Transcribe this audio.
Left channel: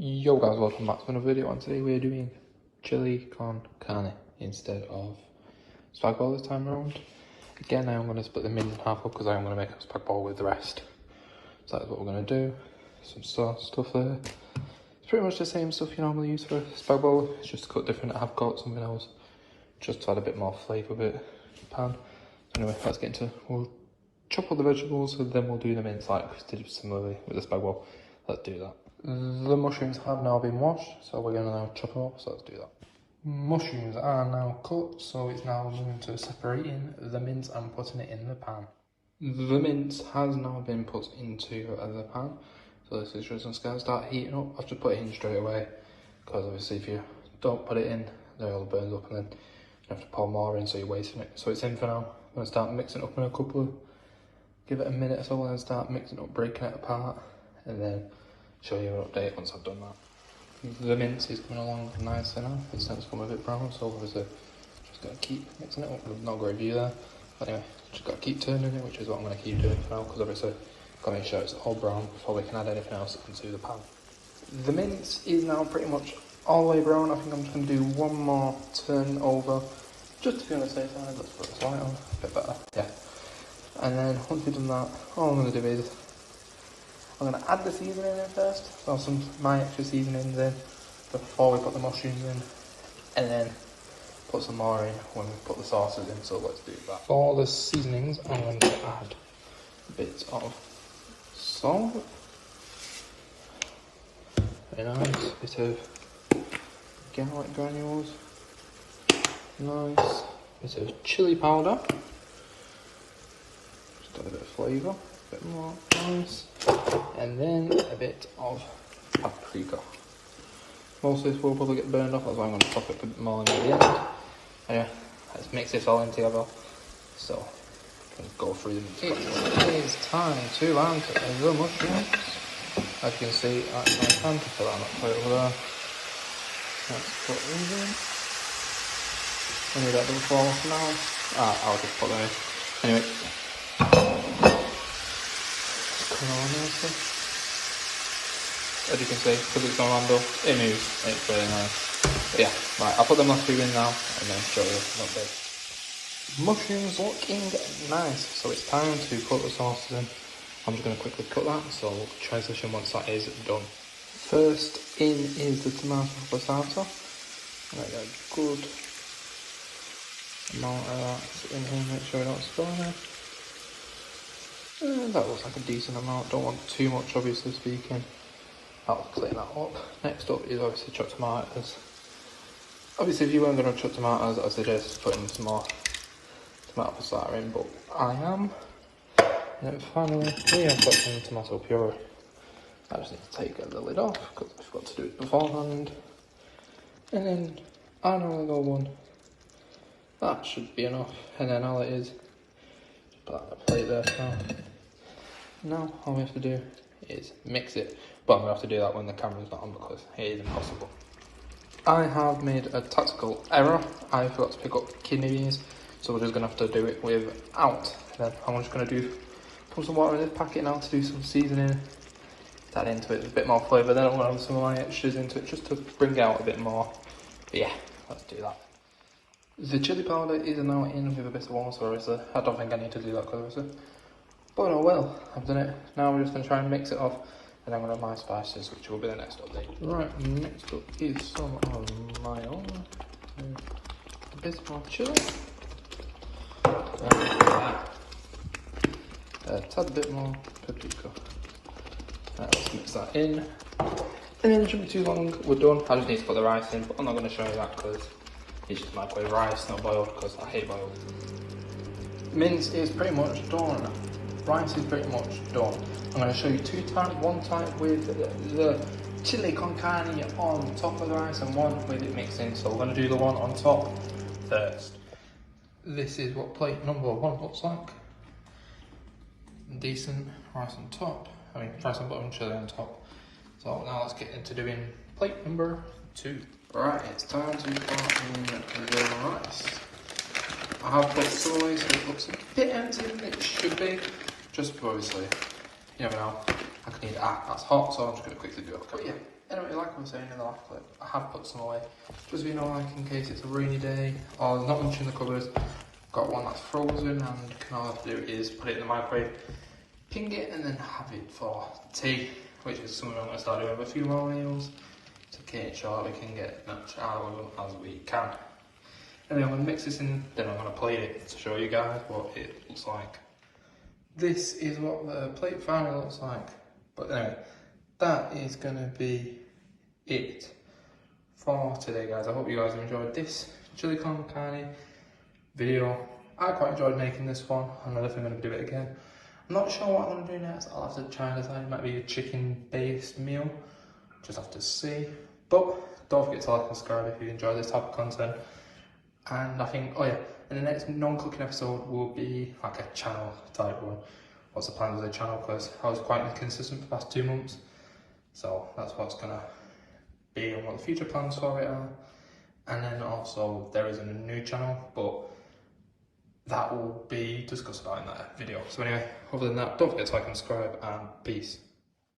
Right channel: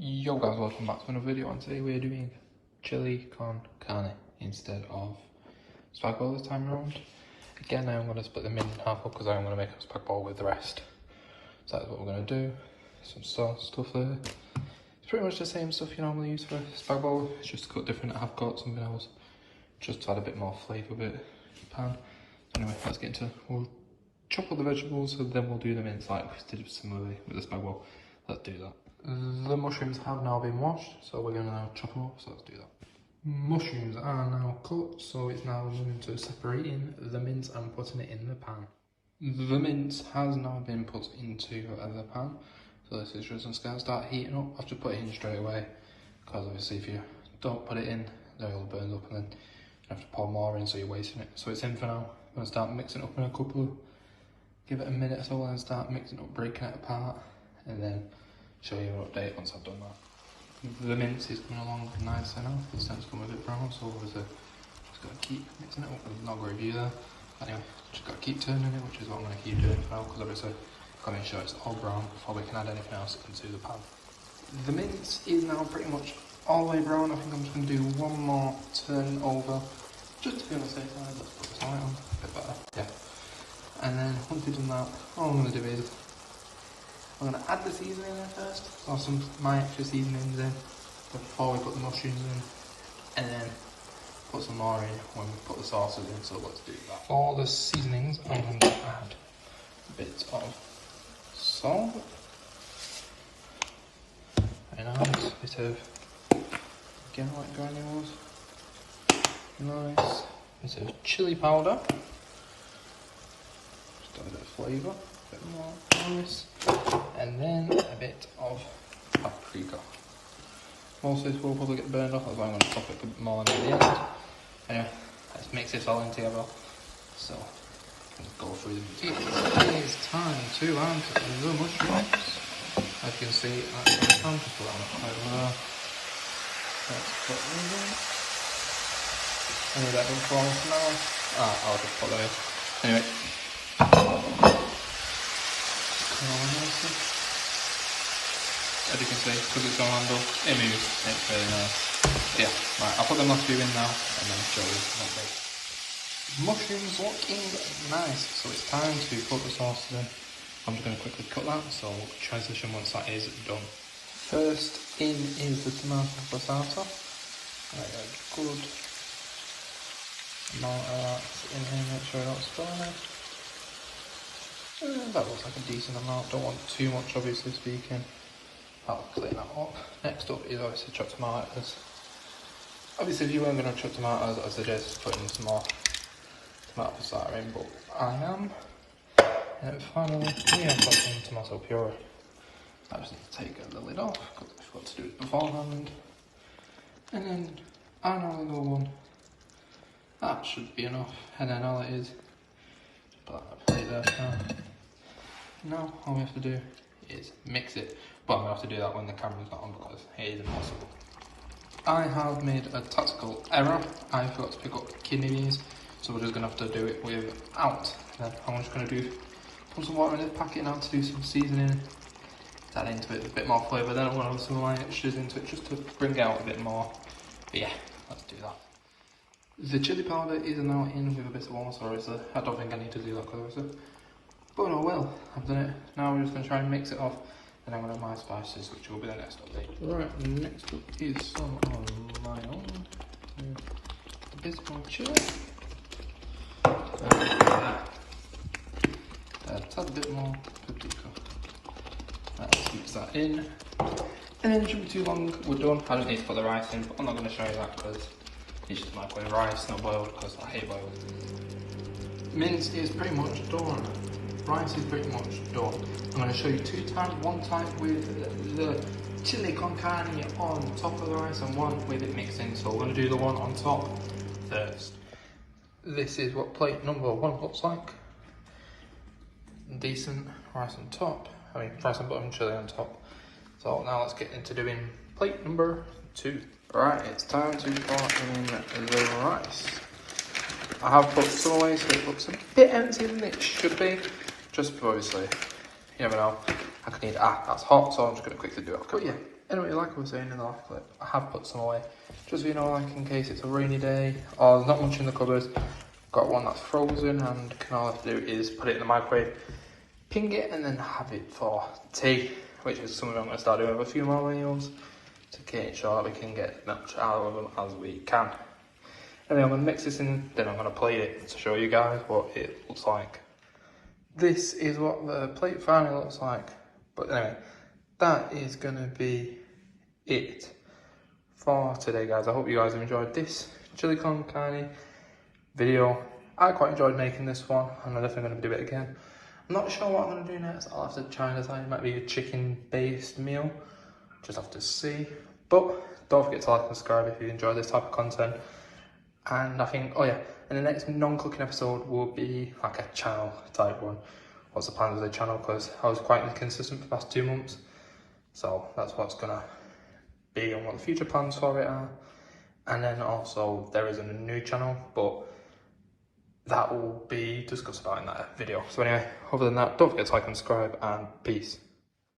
Yo guys, welcome back to another video, and today we're doing chili con carne instead of spag bol this time around. Again, I am going to split them in half up because I am going to make a spag bol with the rest. So that's what we're going to do. Some stuff there. It's pretty much the same stuff you normally use for a spag bol, it's just cut different. I have got something else just to add a bit more flavour with the pan. Anyway, let's get into, we'll chop all the vegetables and then we'll do the mince like we did similarly with the spag bol. Let's do that. The mushrooms have now been washed, so we're going to now chop them up, so let's do that. Mushrooms are now cut, so it's now moving to separating the mince and putting it in the pan. The mince has now been put into the pan, so this is just going to start heating up. I'll just put it in straight away, because obviously if you don't put it in, then it'll burn up and then you have to pour more in, so you're wasting it. So it's in for now. I'm going to start mixing it up in a couple, give it a minute or so, and then start mixing it up, breaking it apart, and then show you an update once I've done that. The mince is coming along nicely now, it's starting to come a bit brown, so obviously just got to keep mixing it. There's no great view there, but anyway, just got to keep turning it, which is what I'm going to keep doing for now, because obviously I've got to make sure it's all brown before we can add anything else into the pan. The mince is now pretty much all the way brown. I think I'm just going to do one more turn over, just to be on the safe side. Let's put this light on, a bit better, yeah. And then once we've done that, all I'm going to do is I'm going to add the seasoning in first, so my extra seasonings in before we put the mushrooms in, and then put some more in when we put the sauces in, so let's do that. For the seasonings, I'm going to add a bit of salt, very nice, a bit of garlic granules, nice, a bit of chili powder, just a bit of flavour. A bit more, nice, and then a bit of paprika. Most of this will probably get burned off, that's why I'm going to chop it a bit more near the end. Anyway, let's mix this all in together. So, go through them. It's time to add the mushrooms. As you can see, that's my pan to put on it over there. Let's put them in. And we'll let them fall off now. I'll just put there. Anyway. As you can see, because it's on handle, it moves, it's very nice. But yeah, right, I'll put the last two in now and then show you what they. Mushrooms looking nice, so it's time to put the sauces in. I'm just going to quickly cut that, so transition once that is done. First in is the tomato passata. Good amount of that in here, make sure I don't spill it. That looks like a decent amount, don't want too much obviously speaking. I'll clean that up. Next up is obviously chopped tomatoes. Obviously if you weren't going to chop tomatoes, I suggest putting some more tomato passata in, but I am. And finally, I've got some tomato puree. I just need to take the lid off, because I've got to do it beforehand. And then, another one. That should be enough, and then all it is, put that plate there now. Now all we have to do is mix it, but I'm going to have to do that when the camera's not on because it is impossible. I have made a tactical error. I forgot to pick up kidney beans, so we're just going to have to do it without. Then I'm just going to put some water in this packet now to do some seasoning, add into it a bit more flavour. Then I'm going to have some of my extras into it just to bring it out a bit more. But yeah, let's do that. The chili powder is now in with a bit of warm sauce. I don't think I need to do that because but oh well, I've done it. Now we're just going to try and mix it off, and I'm going to have my spices, which will be the next update. Right, next up is some of my own. A bit more chili. A tad bit more paprika. Let's mix that in. And then it shouldn't be too long, we're done. I don't need to put the rice in, but I'm not going to show you that because it's just microwave rice, not boiled, because I hate boiled. Mince is pretty much done. Rice is pretty much done. I'm going to show you two times, one time with the chili con carne on top of the rice and one with it mixed in. So we're going to do the one on top first. This is what plate number one looks like. Decent rice on top, rice and bottom, chili on top. So now let's get into doing plate number two. Right, it's time to put in the rice. I have put some away so it looks a bit emptier than it should be, just obviously you never know, I could need that's hot, so I'm just going to quickly do it. But yeah, anyway, like I was saying in the last clip, I have put some away, just so you know, like in case it's a rainy day, or there's not much in the cupboard. Got one that's frozen, and all I have to do is put it in the microwave, ping it, and then have it for tea, which is something I'm going to start doing with a few more meals, to make sure that we can get as much out of them as we can. And then I'm going to mix this in, then I'm going to plate it to show you guys what it looks like. This is what the plate finally looks like. But anyway, that is going to be it for today, guys. I hope you guys have enjoyed this chili con carne video. I quite enjoyed making this one, and I'm definitely going to do it again. I'm not sure what I'm going to do next. I'll have to try and decide. It might be a chicken-based meal. Just have to see. But don't forget to like and subscribe if you enjoy this type of content. And I think, oh yeah, and the next non-cooking episode will be like a channel type one. What's the plan with the channel? Because I was quite inconsistent for the past 2 months. So that's what's gonna be and what the future plans for it are. And then also there is a new channel, but that will be discussed about in that video. So anyway, other than that, don't forget to like and subscribe, and peace.